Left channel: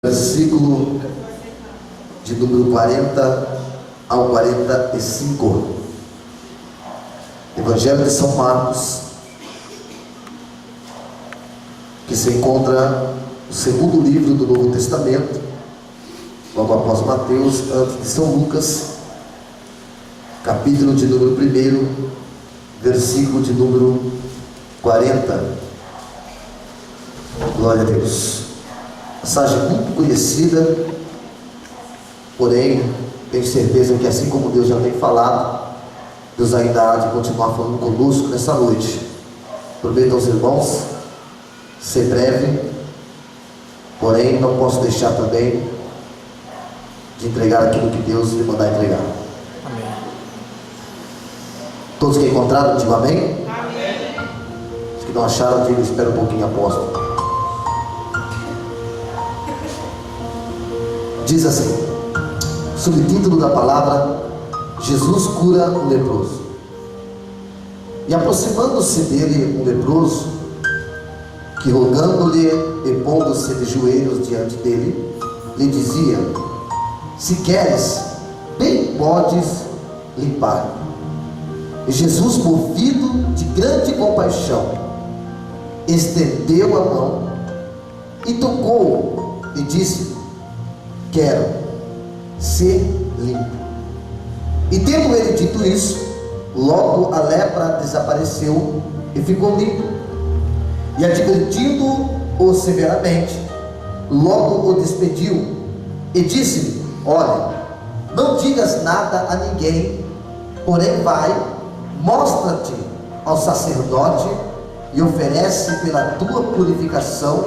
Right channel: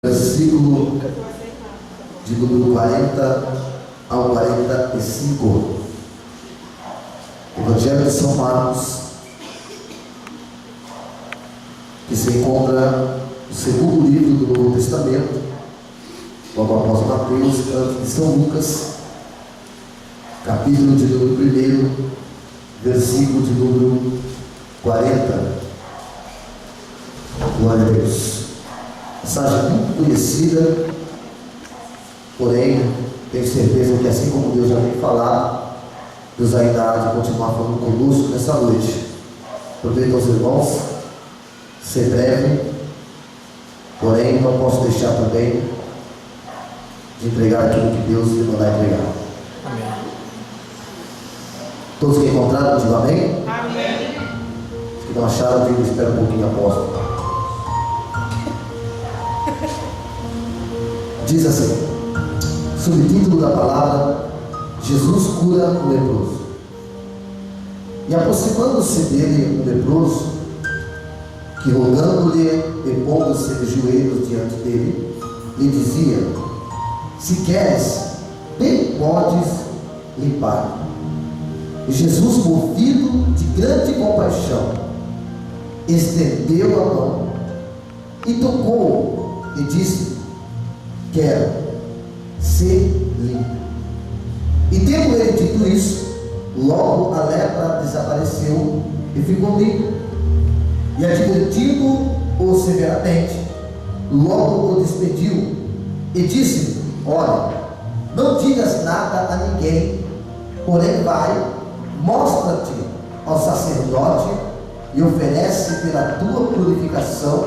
Versículo de número 40 ao 45. Evangelho de São Marcos, que se encontra no segundo livro do Novo Testamento, logo após Mateus, antes de São Lucas, capítulo de número 1, versículo de número 40. Glória a Deus. Passagem muito conhecida, porém tenho certeza que, assim como Deus já tem falado, Deus ainda há de continuar falando conosco nessa noite. Prometo aos irmãos ser breve, porém não posso deixar também de entregar aquilo que Deus lhe mandar entregar. Amém. Todos que encontraram, digam amém. Amém. Os que não acharam, digam, espera um pouquinho, apóstolo. Diz assim, subtítulo da palavra: Jesus cura o leproso. E aproximando-se dele um leproso, que rogando-lhe e pondo-se de joelhos diante dele, lhe dizia: se queres, bem podes limpar. E Jesus, movido de grande compaixão, estendeu a mão e tocou-o e disse: quero ser limpo. E tendo ele dito isso, logo a lepra desapareceu e ficou limpo. E advertindo-o severamente, logo o despediu e disse-lhe: olha, não digas nada a ninguém, porém vai, mostra-te ao sacerdote e oferece pela tua purificação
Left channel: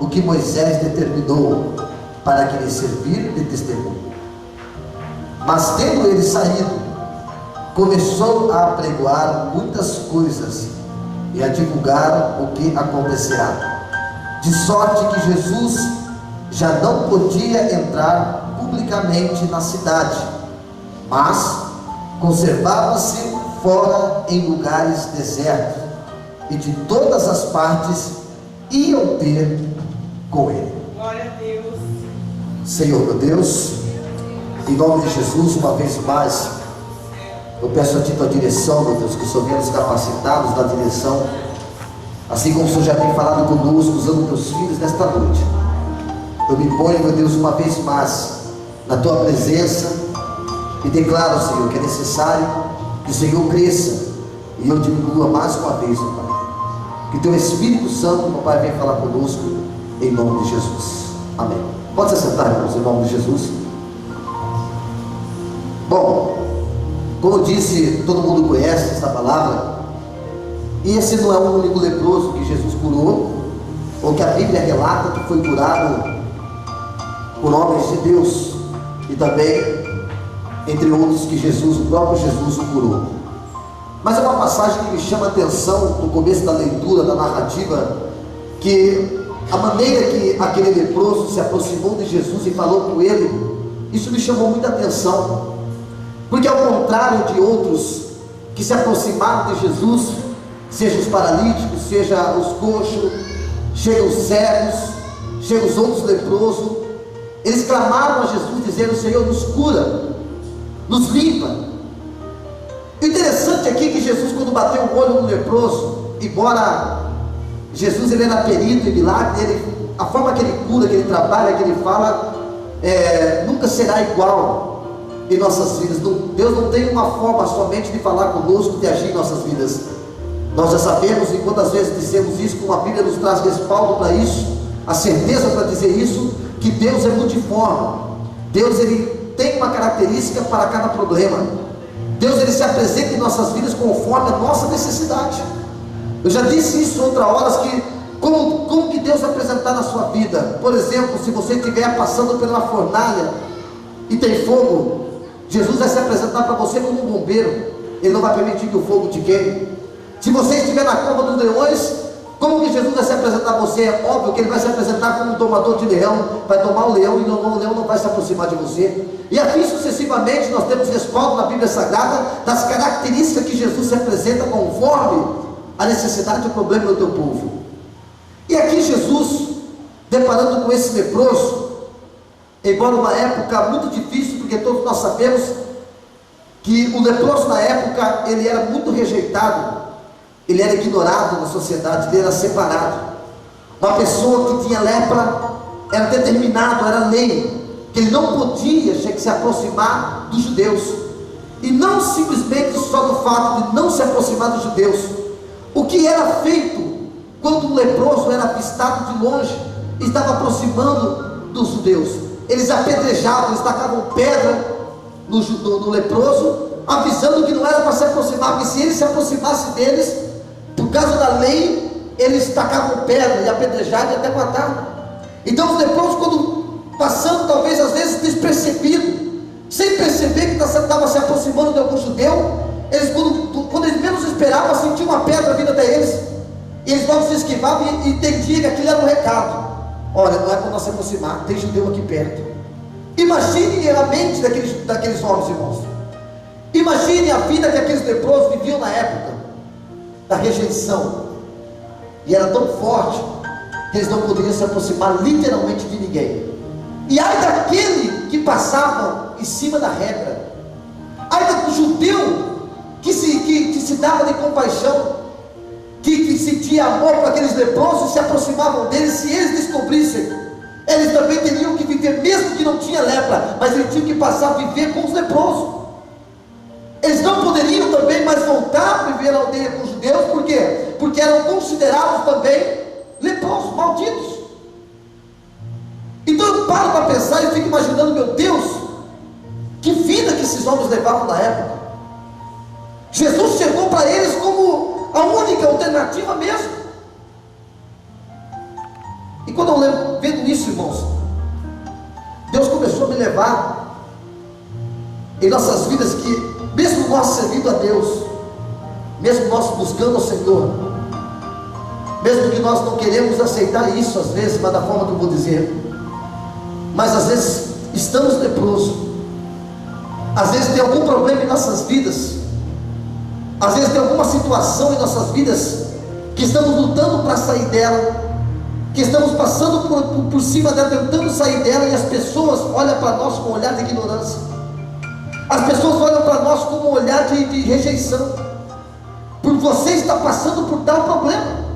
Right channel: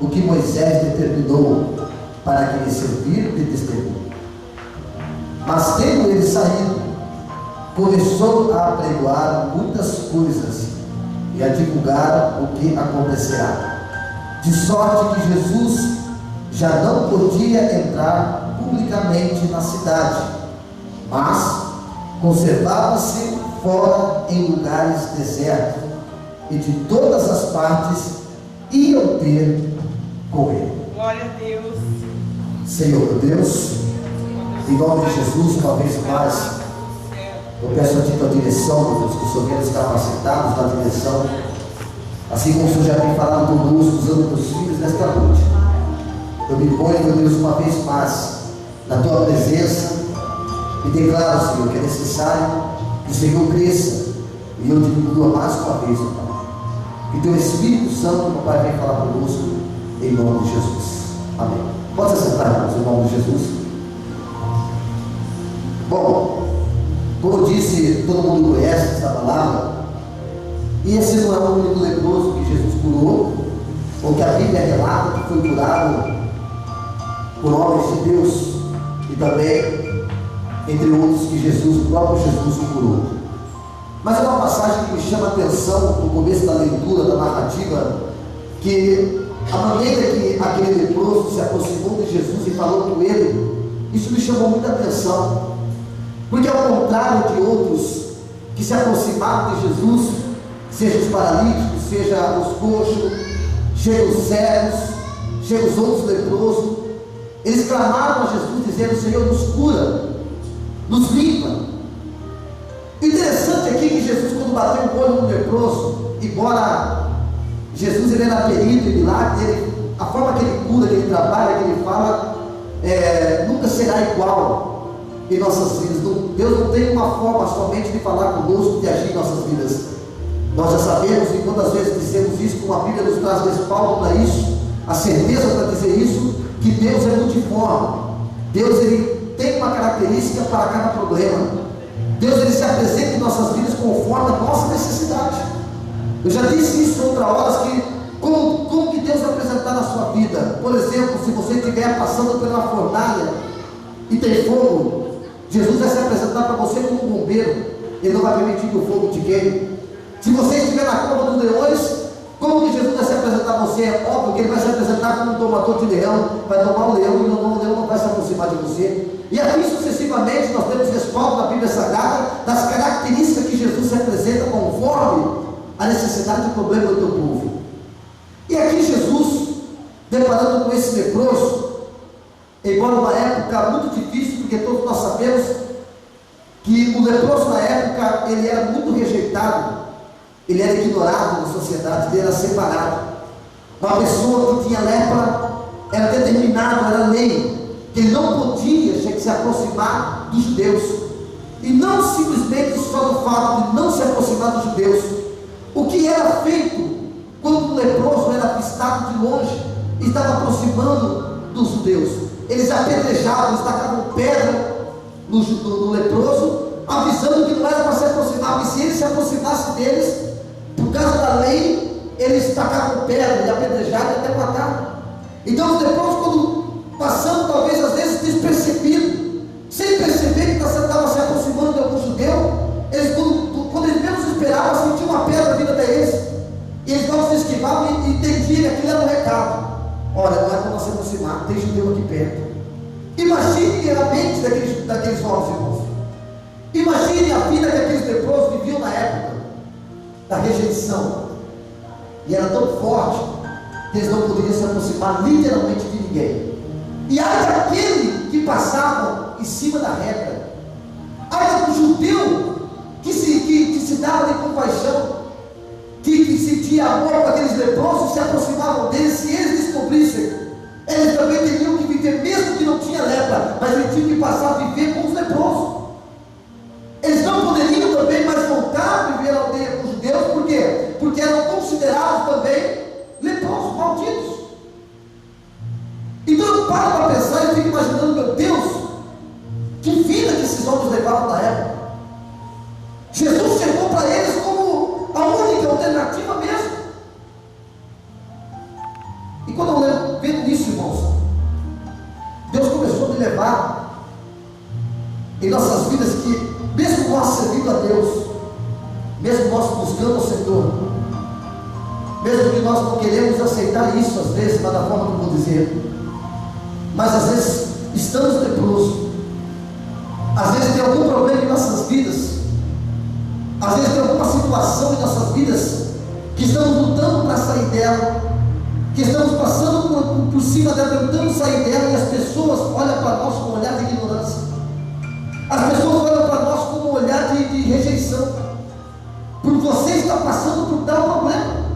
o que Moisés determinou, para que lhe servir de testemunho. Mas tendo ele saído, começou a apregoar muitas coisas e a divulgar o que acontecerá, de sorte que Jesus já não podia entrar publicamente na cidade, mas conservava-se fora em lugares desertos, e de todas as partes iam ter com ele. Glória a Deus. Senhor meu Deus, em nome de Jesus, uma vez mais, eu peço a Ti tua direção, meu Deus, que o Senhor venha nos capacitados na direção, assim como o Senhor já tem falado conosco, usando meus filhos nesta noite. Eu me ponho, meu Deus, uma vez mais na Tua presença e declaro, Senhor, que é necessário que o Senhor cresça e eu diminua mais uma vez, meu Pai. Que Teu Espírito Santo, meu Pai, venha falar conosco, em nome de Jesus. Amém. Pode se sentar, irmãos, em nome de Jesus. Bom, como eu disse, todo mundo conhece essa palavra. E esse não é o único leproso que Jesus curou, ou que a Bíblia relata que foi curado por homens de Deus, e também entre outros que Jesus, o próprio Jesus, o curou. Mas é uma passagem que me chama a atenção no começo da leitura, da narrativa, que a maneira que aquele leproso se aproximou de Jesus e falou com ele, isso me chamou muita atenção, porque ao contrário de outros que se aproximaram de Jesus, seja os paralíticos, seja os coxos, seja os cegos, seja os outros leprosos, eles clamaram a Jesus dizendo: Senhor, nos cura, nos limpa. O interessante aqui é que Jesus, quando bateu o olho no leproso, embora Jesus ele era perito em milagre, a forma que ele cura, que ele trabalha, que ele fala, nunca será igual em nossas vidas. Deus não tem uma forma somente de falar conosco, de agir em nossas vidas. Nós já sabemos, e quantas vezes dizemos isso, como a Bíblia nos traz respaldo para isso, a certeza para dizer isso, que Deus é multiforme. Deus ele tem uma característica para cada problema. Deus ele se apresenta em nossas vidas conforme a nossa necessidade. Eu já disse isso em outras horas, que como que Deus vai apresentar na sua vida. Por exemplo, se você estiver passando pela fornalha e tem fogo, Jesus vai se apresentar para você como um bombeiro. Ele não vai permitir que o fogo te queime. Se você estiver na cova dos leões, como que Jesus vai se apresentar a você? É óbvio que ele vai se apresentar como um tomador de leão, vai tomar o leão e o leão não vai se aproximar de você. E assim sucessivamente nós temos respaldo na Bíblia Sagrada das características que Jesus se apresenta conforme a necessidade e o problema do teu povo. E aqui Jesus, deparando com esse leproso, embora uma época muito difícil, porque todos nós sabemos que o leproso na época, ele era muito rejeitado, ele era ignorado na sociedade, ele era separado. Uma pessoa que tinha lepra era determinado, era lei, que ele não podia se aproximar dos judeus. E não simplesmente só do fato de não se aproximar dos judeus. O que era feito quando o leproso era avistado de longe e estava aproximando dos judeus? Eles apedrejavam, eles tacavam pedra no leproso, avisando que não era para se aproximar, porque se ele se aproximasse deles, por causa da lei, eles tacavam pedra e apedrejavam e até matavam. Então os leprosos, quando passando, talvez às vezes despercebido, sem perceber que estava se aproximando de algum judeu, eles, quando eles menos esperavam, sentiam uma pedra vindo até eles, e eles logo se esquivavam e entendiam que aquilo era um recado. Olha, não é para nós se aproximar, tem judeu aqui perto. Imagine a mente daqueles homens, irmãos. Imagine a vida que aqueles leprosos viviam na época da rejeição, e era tão forte que eles não poderiam se aproximar literalmente de ninguém. E ai daquele que passava em cima da regra, ai do judeu que se dava de compaixão, que sentia amor para aqueles leprosos, se aproximavam deles. Se eles descobrissem, eles também teriam que viver, mesmo que não tinha lepra, mas eles tinham que passar a viver com os leprosos. Eles não poderiam também mais voltar a viver a aldeia com os judeus. Por quê? Porque eram considerados também leprosos, malditos. Então eu paro para pensar e fico imaginando, meu Deus, que vida que esses homens levavam na época. Jesus chegou para eles como a única alternativa mesmo. E quando eu vendo isso, irmãos, Deus começou a me levar em nossas vidas, que mesmo nós servindo a Deus, mesmo nós buscando o Senhor, mesmo que nós não queremos aceitar isso às vezes, mas da forma que eu vou dizer, mas às vezes estamos leprosos, às vezes tem algum problema em nossas vidas, às vezes tem alguma situação em nossas vidas que estamos lutando para sair dela, que estamos passando por cima dela, tentando sair dela, e as pessoas olham para nós com um olhar de ignorância, as pessoas olham para nós com um olhar de rejeição, por você estar passando por tal problema.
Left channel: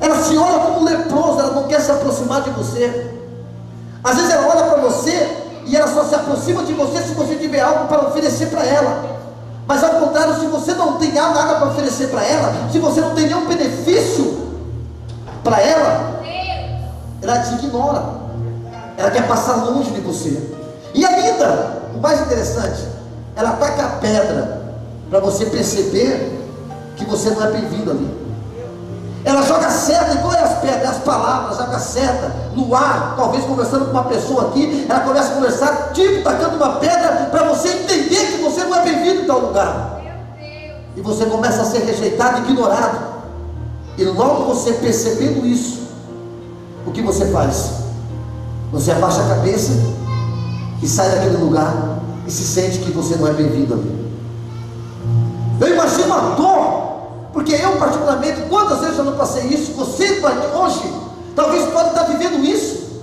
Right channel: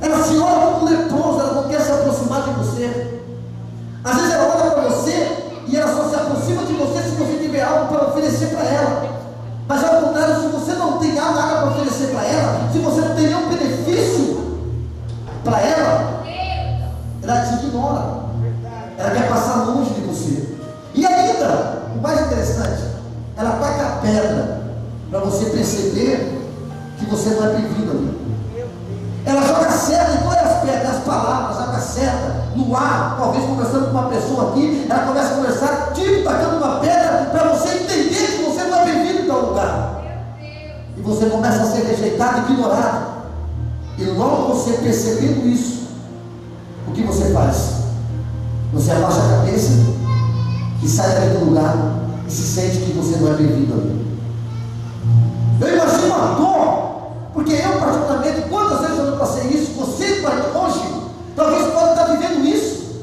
Ela se olha como leprosa, ela não quer se aproximar de você. Às vezes ela olha para você e ela só se aproxima de você se você tiver algo para oferecer para ela. Mas ao contrário, se você não tem nada para oferecer para ela, se você não tem nenhum benefício para ela, ela te ignora, ela quer passar longe de você. E ainda, o mais interessante, ela taca a pedra para você perceber que você não é bem-vindo ali. Ela joga seta, e qual é as pedras? As palavras, joga seta no ar, talvez conversando com uma pessoa aqui, ela começa a conversar, tipo, tacando uma pedra para você entender que você não é bem-vindo em tal lugar. E você começa a ser rejeitado, ignorado. E logo você percebendo isso, o que você faz? Você abaixa a cabeça e sai daquele lugar e se sente que você não é bem-vindo ali. Eu imagino a dor, porque eu particularmente, quantas vezes eu não passei isso, você hoje, talvez pode estar vivendo isso.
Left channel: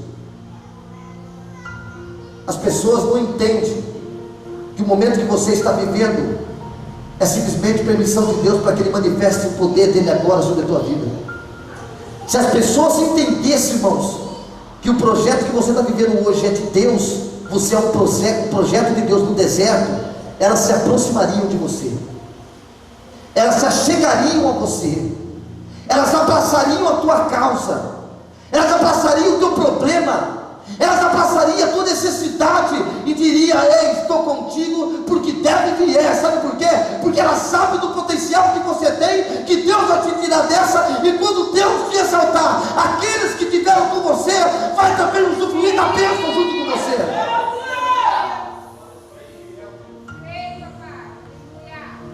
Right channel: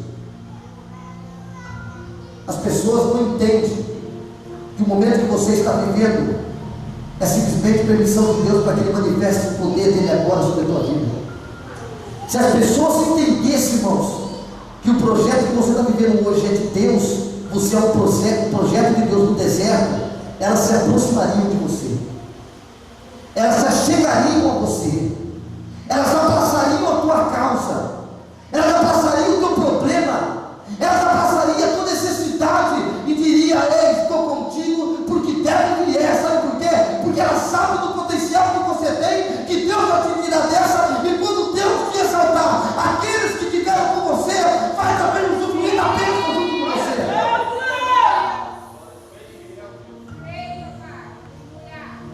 As pessoas não entendem que o momento que você está vivendo é simplesmente permissão de Deus para que Ele manifeste o poder dEle agora sobre a tua vida. Se as pessoas entendessem, irmãos, que o projeto que você está vivendo hoje é de Deus, você é um projeto de Deus no deserto, elas se aproximariam de você, elas se achegariam a você, elas abraçariam a tua causa, elas abraçariam o teu problema, elas abraçariam a tua necessidade e diria: ei, estou contigo, porque deve que é. Sabe por quê? Porque elas sabem do potencial que você tem, que Deus vai te tirar dessa, e quando Deus te exaltar, aqueles que tiveram com você, vai também usufruir da bênção junto com você.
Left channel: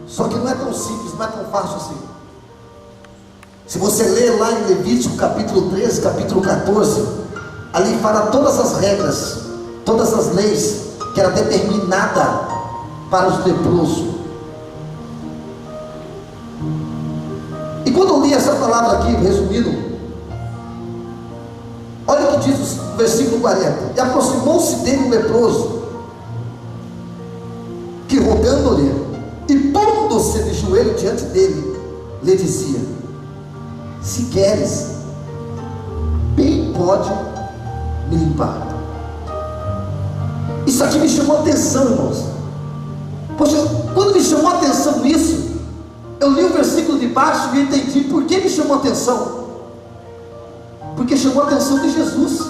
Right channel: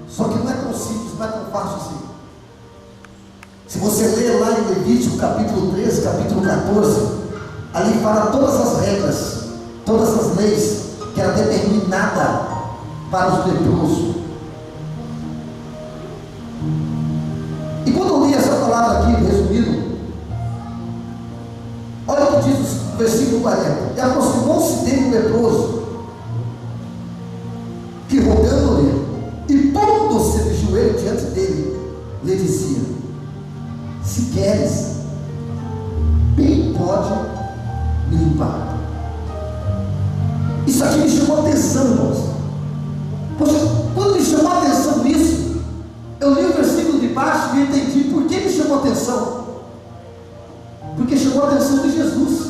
Só que não é tão simples, não é tão fácil assim. Se você ler lá em Levítico capítulo 13, capítulo 14, ali fala todas as regras, todas as leis que era determinada para os leprosos. E quando eu li essa palavra aqui, resumido, olha o que diz versículo 40. E aproximou-se dele um leproso, que rogando-lhe, e pondo-se de joelho diante dele, lhe dizia: se queres, bem pode me limpar. Isso aqui me chamou a atenção, irmãos. Poxa, quando me chamou a atenção isso, eu li o versículo de baixo e entendi por que me chamou a atenção. Porque chamou a atenção de Jesus.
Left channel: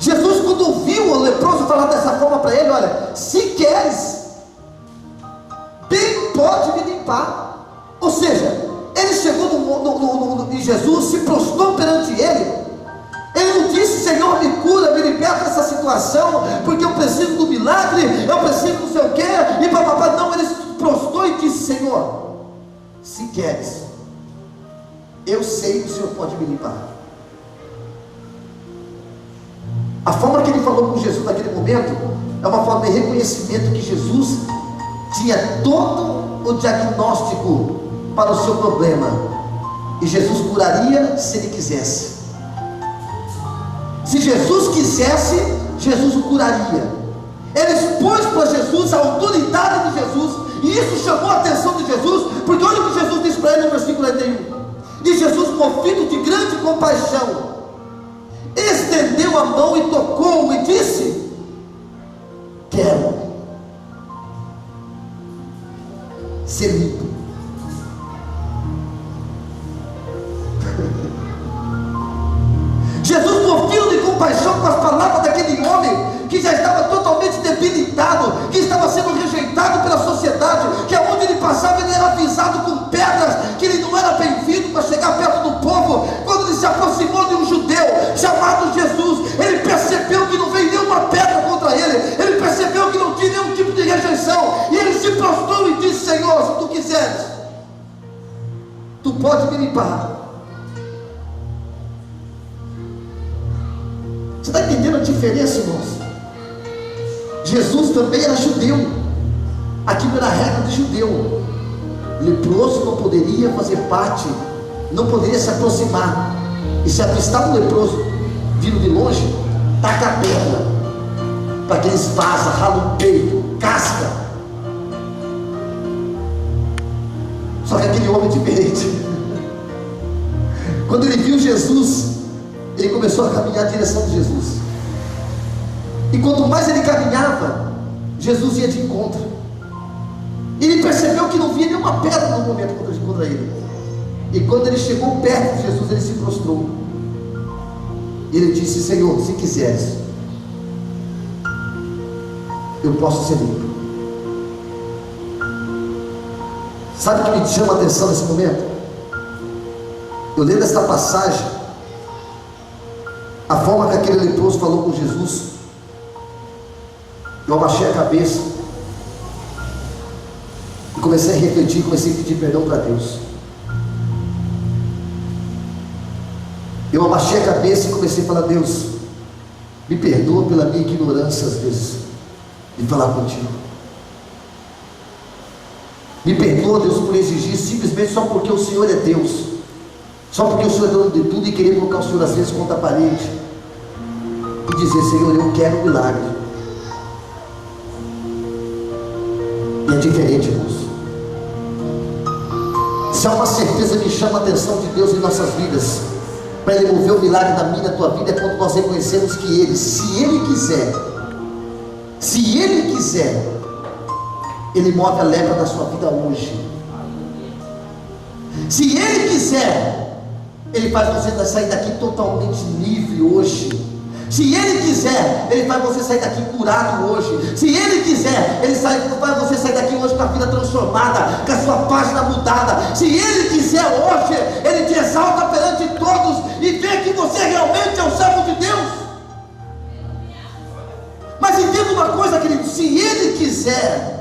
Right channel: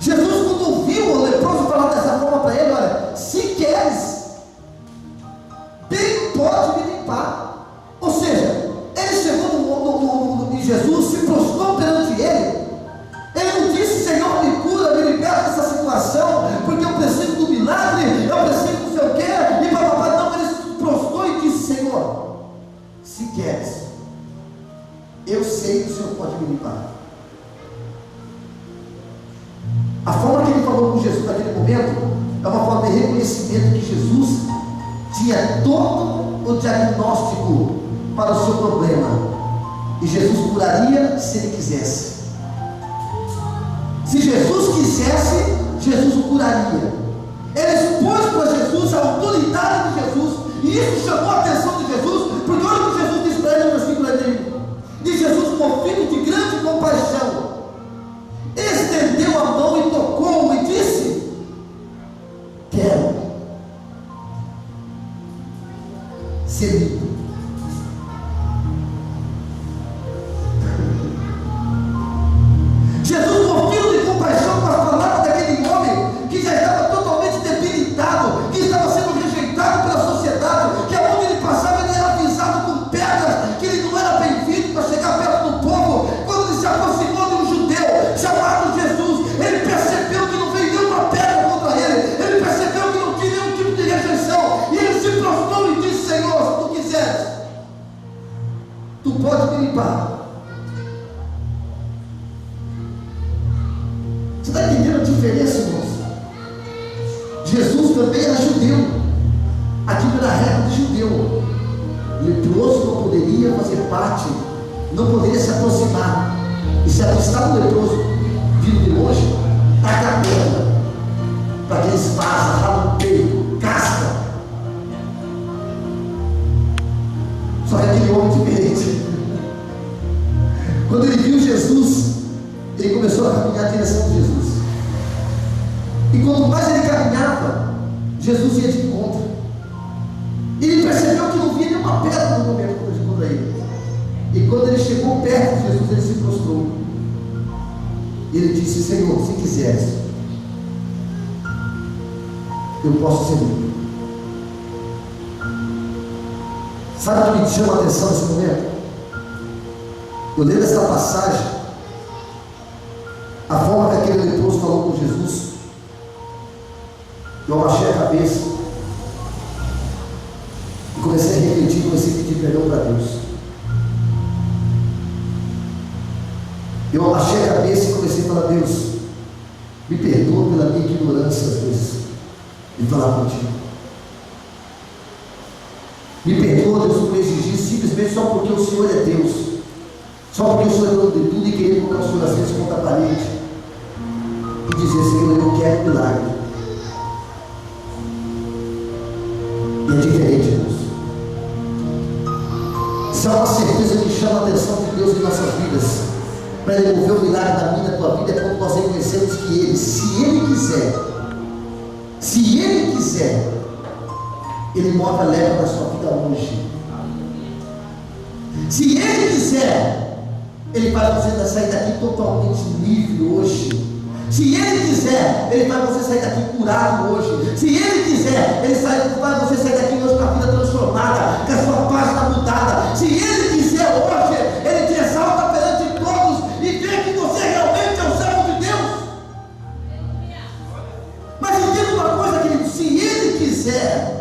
Jesus, quando ouviu o leproso falar dessa forma para ele: olha, se queres, bem pode me limpar. Ou seja, ele chegou em Jesus, se prostrou perante ele. Ele não disse: Senhor, me cura, me liberta dessa situação, porque eu preciso do milagre, eu preciso não sei o quê, e papapá. Não, ele se prostrou e disse: Senhor, se queres, eu sei que o Senhor pode me limpar. A forma que ele falou com Jesus naquele momento é uma forma de reconhecimento que Jesus tinha todo o diagnóstico para o seu problema, e Jesus curaria se ele quisesse. Se Jesus quisesse, Jesus o curaria. Ele expôs para Jesus a autoridade de Jesus, e isso chamou a atenção de Jesus, porque olha o que Jesus diz para ele no versículo 41. E Jesus, movido de grande compaixão, estendeu a mão e tocou-o e disse: quero ser limpo. Jesus, movido de compaixão com as palavras daquele homem que já estava totalmente debilitado, que estava sendo rejeitado pela sociedade, que aonde ele passava ele era avisado com pedras, que ele não era bem-vindo para chegar perto do povo. Quando ele se aproximou de um judeu chamado Jesus, ele percebeu que não veio nenhuma pedra contra ele, ele percebeu que não tinha nenhum tipo de rejeição, e ele se prostrou e disse: Senhor, se tu quiseres, tu pode me limpar. Você está entendendo a diferença, irmãos? Jesus também era judeu. Aquilo era regra de judeu. Leproso não poderia fazer parte, não poderia se aproximar. E se avistar um leproso vindo de longe, taca a pedra, para que ele vaza, rala o peito, casca. Só que aquele homem diferente, quando ele viu Jesus, ele começou a caminhar na direção de Jesus. E quanto mais ele caminhava, Jesus ia de encontro. E ele percebeu que não via nenhuma pedra no momento contra ele. E quando ele chegou perto de Jesus, ele se prostrou. E ele disse: Senhor, se quiseres, eu posso ser limpo. Sabe o que me chama a atenção nesse momento? Eu lendo esta passagem, a forma que aquele leproso falou com Jesus, eu abaixei a cabeça e comecei a refletir, comecei a pedir perdão para Deus. Eu abaixei a cabeça e comecei a falar: Deus, me perdoa pela minha ignorância às vezes de falar contigo. Me perdoa, Deus, por exigir simplesmente só porque o Senhor é Deus, só porque o Senhor é dono de tudo, e querer colocar o Senhor às vezes contra a parede e dizer: Senhor, eu quero um milagre. E é diferente, irmãos. Se há uma certeza que chama a atenção de Deus em nossas vidas, para Ele mover o milagre da minha, da tua vida, é quando nós reconhecemos que Ele, se Ele quiser, Ele move a lepra da sua vida hoje. Se Ele quiser, Ele faz você sair daqui totalmente livre hoje. Se Ele quiser, Ele faz você sair daqui curado hoje. Se Ele quiser, Ele faz você sair daqui hoje com a vida transformada, com a sua página mudada. Se Ele quiser hoje, Ele te exalta perante todos e vê que você realmente é o servo de Deus. Mas entenda uma coisa, querido: se Ele quiser,